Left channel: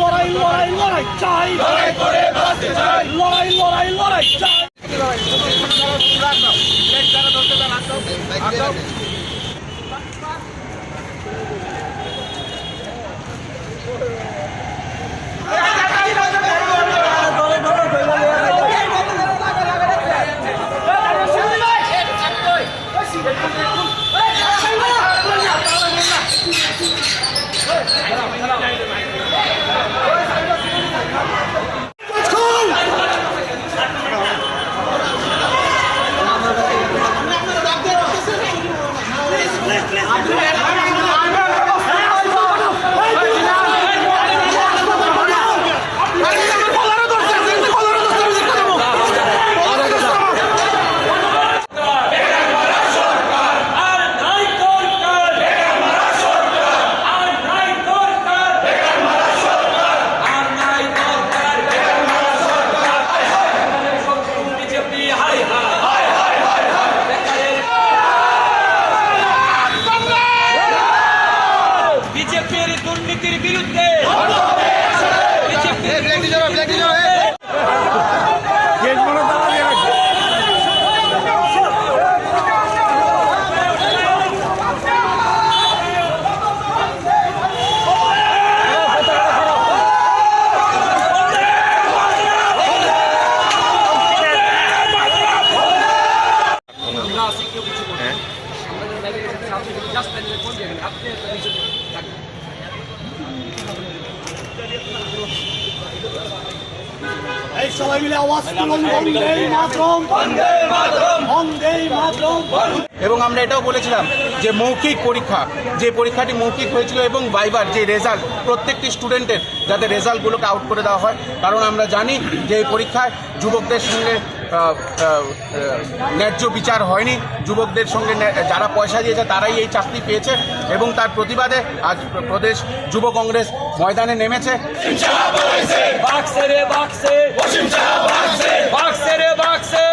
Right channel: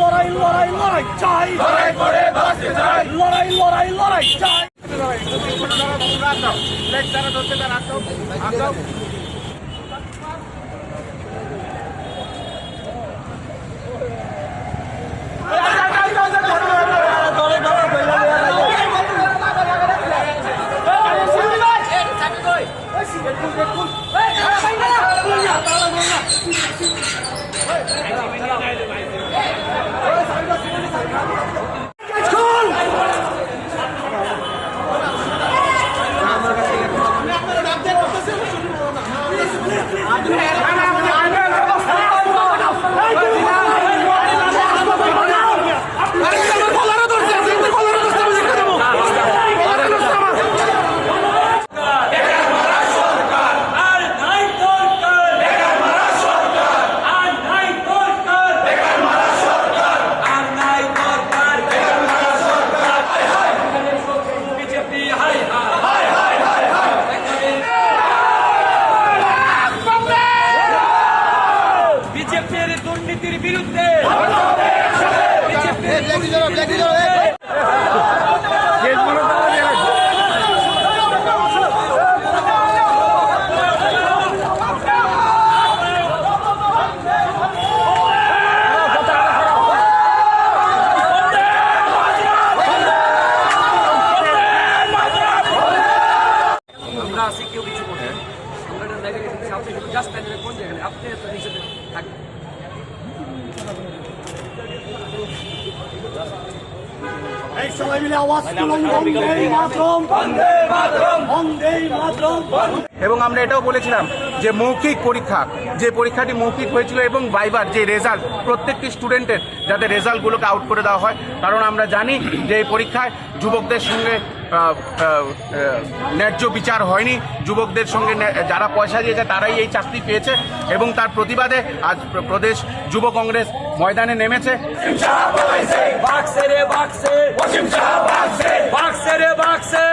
লড়াই লড়াই লড়াই চাই, লড়াই করে বাঁচতে চাই, লড়াই লড়াই লড়াই চাই। বিজেপির দুর্নীতির বিরুদ্ধে, বিজেপির দুর্নীতির বিরুদ্ধে। আমরা আছি কেউ কিছু করতে, আমরা যারা লাইভে এসেছি আপনি শুধু জাস্ট কোন যেখানে আপনি একটা নিষেধে থাকবেন। এই সবাই মিলে আওয়াজ তুলুন, বন্দে মাতরম, বন্দে মাতরম, বন্দে মাতরম। এবং আমরা এটাও বলেছিলাম যে মৌখিক পরীক্ষা, যে পরীক্ষাটি মৌখিক হয়েছিল এবং ভাইবার যে রেজাল্ট, প্রত্যেকটি স্টুডেন্টের যাতে রেজাল্টগুলোকে আউট করে দেওয়া হয়, কারণ আমরা জানি যে এই পরীক্ষায় যুবকদের সঙ্গে ন্যায্য বিচার হয়নি। যুবকদের সঙ্গে যারা পয়সা দিয়েছে তারাই এই চাকরি পেয়েছে এবং তার প্রতিবাদে আজ প্রদেশ যুব কংগ্রেস ময়দানে নেমেছে। বাক্সে রে বাক্সে, বাক্সে রে বাক্সে।